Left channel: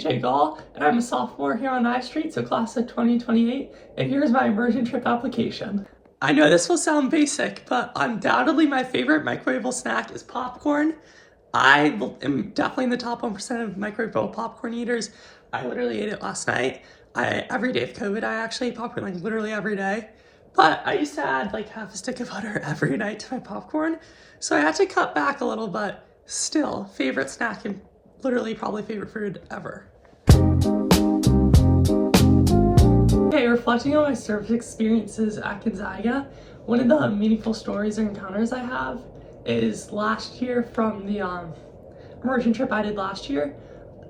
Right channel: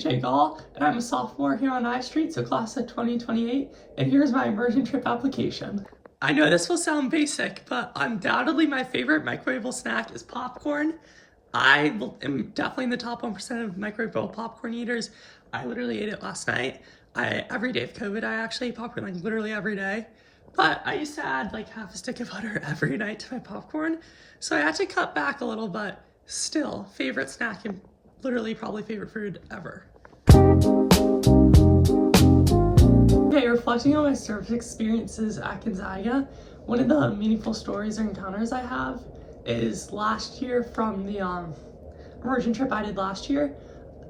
JJ Gall, and I'm a sophomore here on I Street, so class of 2028, and here's my immersion trip application. I know this will sound basic, but undoubtedly my favorite microwavable snack is popcorn. I am definitely in the top 1% of microwavable popcorn eaters. I literally ate it last night. Every day of COVID, I actually ate popcorn like literally every day. But I used to add like half a stick of butter every night to my popcorn. So I had to cut back a little, but still, favorite snack and literally probably favorite food ever. Okay, reflecting on my service experiences at Gonzaga, one of the meaningful stories or encounters I have is last year from the immersion trip I did last year.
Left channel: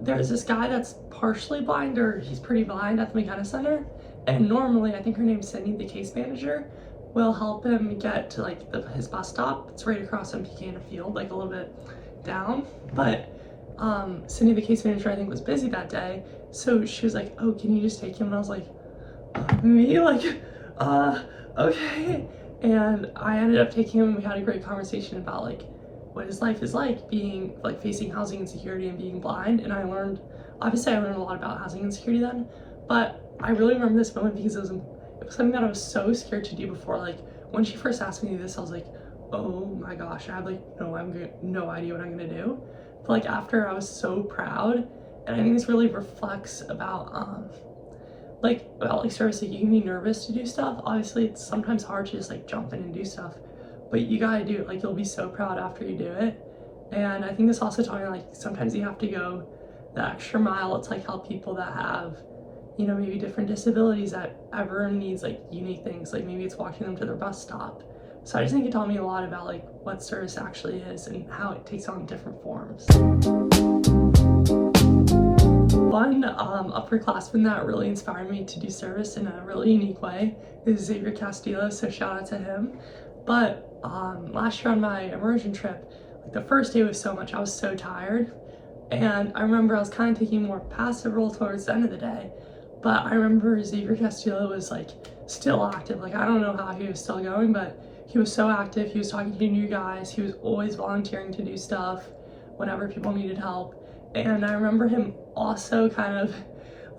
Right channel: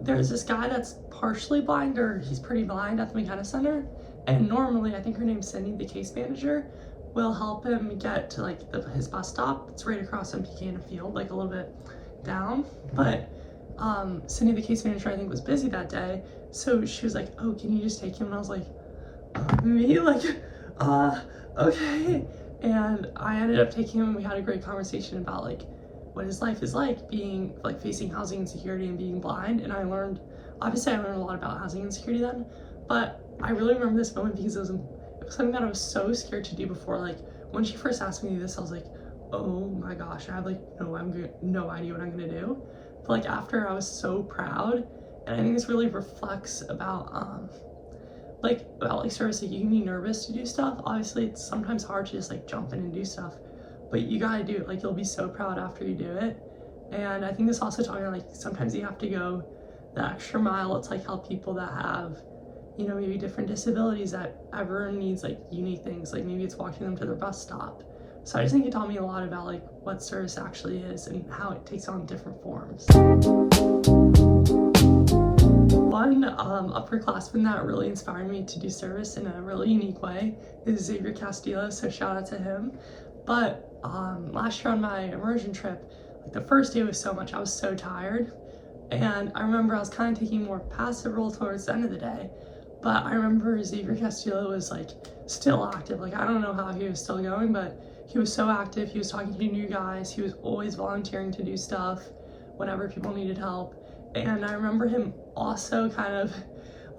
There's this guy that's partially blind, or he's pretty blind, at the McKenna Center, and normally, I think her name's Sydney, the case manager, will help him get to like his bus stop. It's right across from Pecan Field, like a little bit down, but Sydney, the case manager, I think was busy that day, so she was like, oh, can you just take him? And I was like, me? Like, okay. And I ended up taking him, and we had a great conversation about like what his life is like being like facing housing insecurity and being blind. And I learned a lot about housing insecurity then, but I really remember this moment because it was something that I was so scared to do before. Like when she first asked me to do this, I was like, oh my gosh, I have like no idea what I'm gonna do. But like after, I was so proud, and I think this really reflects about like service. Like you can be nervous to do stuff. Obviously, it's sometimes hard to just like jump in and do stuff, but you gotta do it. Like you'll be so proud after you do it. And I think this also taught me like sometimes you have to go the extra mile to like help people that have, you know, maybe different disabilities, that everyone needs like unique things. Like maybe it's walking them to their bus stop. So I just think it taught me a lot about like what service actually is and how it takes on different forms. One upperclassman that really inspired me to do service in a really unique way is Xavier Castillo, so shout out to him. But last year on my immersion trip, like the first day was I was so tired. And I remember I was kind of taking a more passive role towards the end of the day. But I remember Xavier Castillo was like still active. Like I don't know how he was still going, but he was so active. He was talking to new guys. He was always volunteering to do stuff whenever people needed help. And I remember him also kind of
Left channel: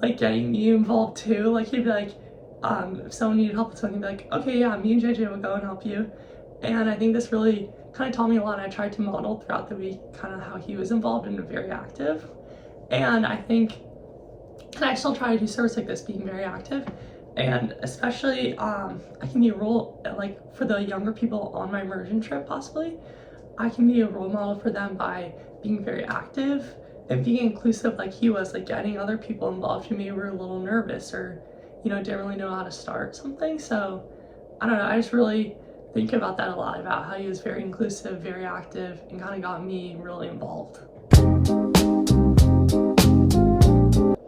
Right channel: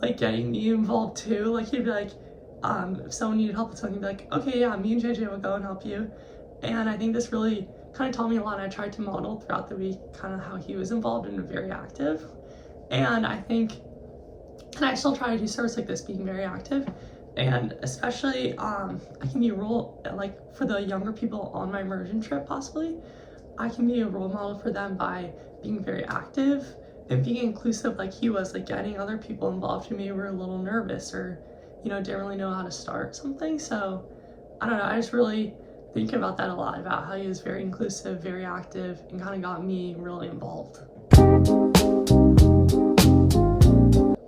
like getting me involved too. Like he'd be like, if someone needed help with something, he'd be like, okay, yeah, me and JJ will go and help you. And I think this really kind of taught me a lot. And I tried to model throughout the week kind of how he was involved and very active. And I think, and I still try to do service like this, being very active. And especially, I can be a role, like for the younger people on my immersion trip possibly, I can be a role model for them by being very active and being inclusive like he was, like getting other people involved who maybe were a little nervous or, you know, didn't really know how to start something. So I don't know, I just really think about that a lot, about how he was very inclusive, very active, and kind of got me really involved.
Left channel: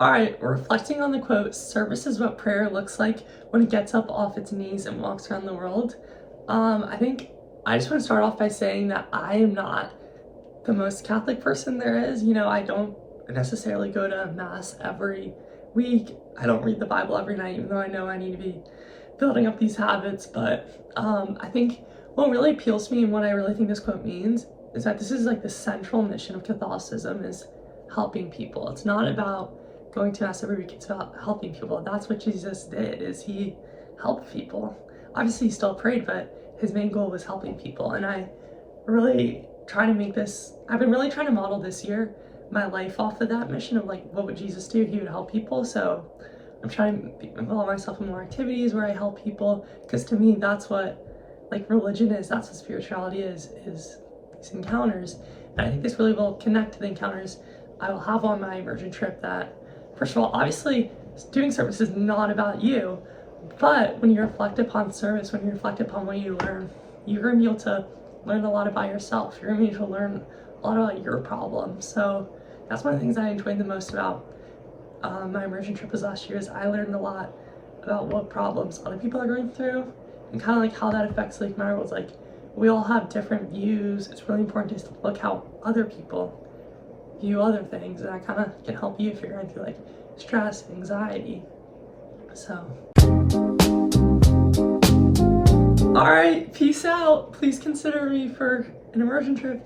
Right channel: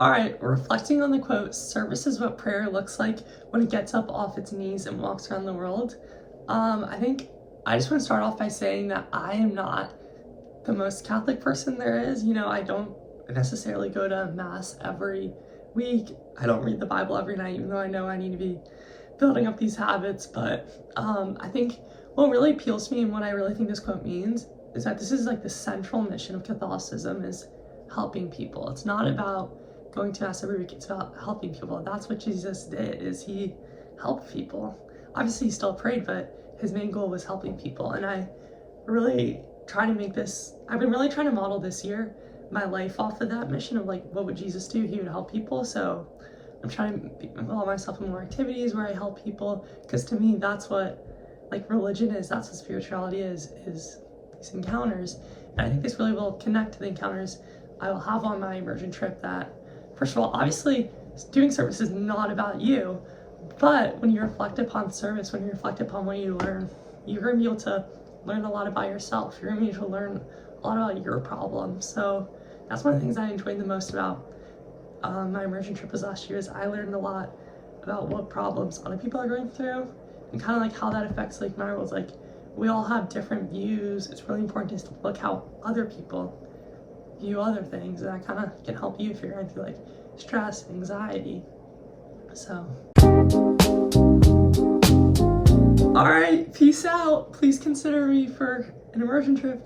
All right, reflecting on the quote, service is what prayer looks like when it gets up off its knees and walks around the world. I think I just want to start off by saying that I am not the most Catholic person there is. You know, I don't necessarily go to mass every week. I don't read the Bible every night, even though I know I need to be building up these habits. But I think what really appeals to me and what I really think this quote means is that this is like the central mission of Catholicism, is helping people. It's not about going to mass every week, it's about helping people. That's what Jesus did, is he helped people. Obviously he still prayed, but his main goal was helping people. And I really try to make this, I've been really trying to model this year my life off of that mission of like, what would Jesus do? He would help people. So I'm trying to involve myself in more activities where I help people, because to me that's what like religion is, that's what spirituality is these encounters. And I think this really will connect to the encounters I will have on my immersion trip. That first of all, obviously doing service is not about you, but when you reflect upon service, when you reflect upon what you learn, you're gonna be able to learn a lot about yourself. You're gonna be able to learn a lot about your problems. So that's one of the things I enjoyed the most about my immersion trip was last year, is I learned a lot about what problems other people are going through and kind of like how that affects like my world. Like we all have different views. It's really important to look how other people view other things, and that kind of can help you if you're going through like stress, anxiety. So all right, peace out. Please consider me for an immersion trip.